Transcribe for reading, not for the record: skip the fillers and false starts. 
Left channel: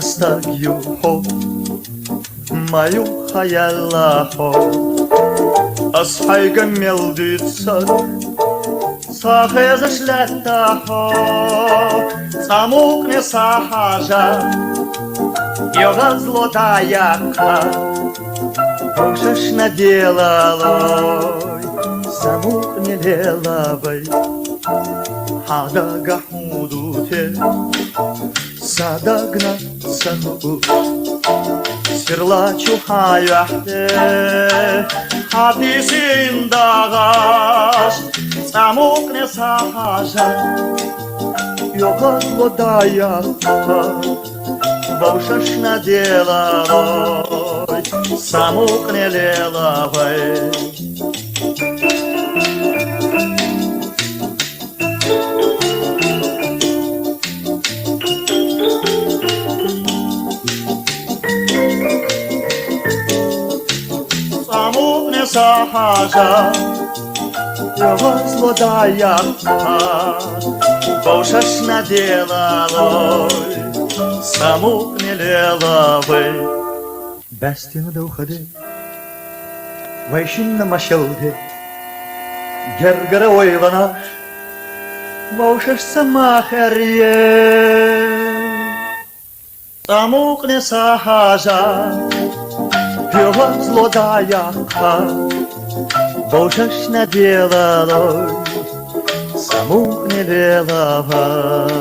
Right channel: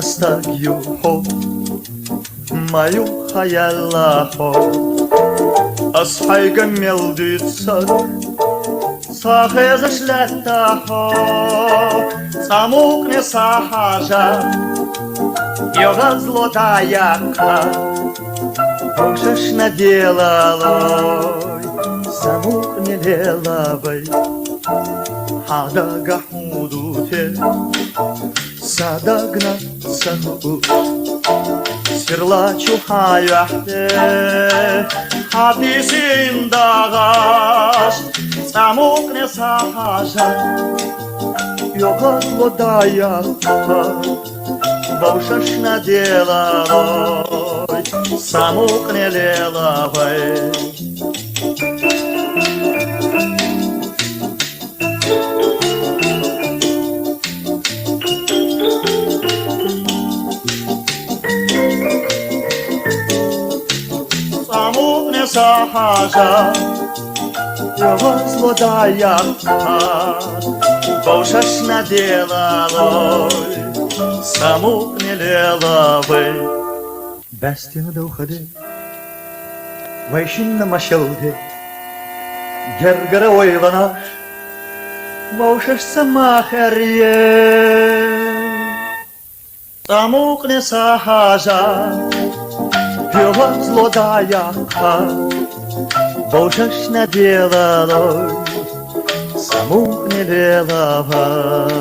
стать юхо, мою хаяллахо, асхайга мелдица, сахеза шлятахо, самукне сахажа, йога злотаяка, пошеш наделалой, самукне делавой, хадага худуте, садагна саху, сирлачу хаяхте, хадисин дагаш, самукне сахажа, йога злотаяка, пошеш наделалой, самукне делавой. Самукне сахажа, йога злотаяка, пошеш наделалой, самукне делавой. Бәстені дәухады, вайшинна машауды, гергара ойғанаш, пошеш самахарье. Самукне сахажа, йога злотаяка, пошеш наделалой, самукне делавой.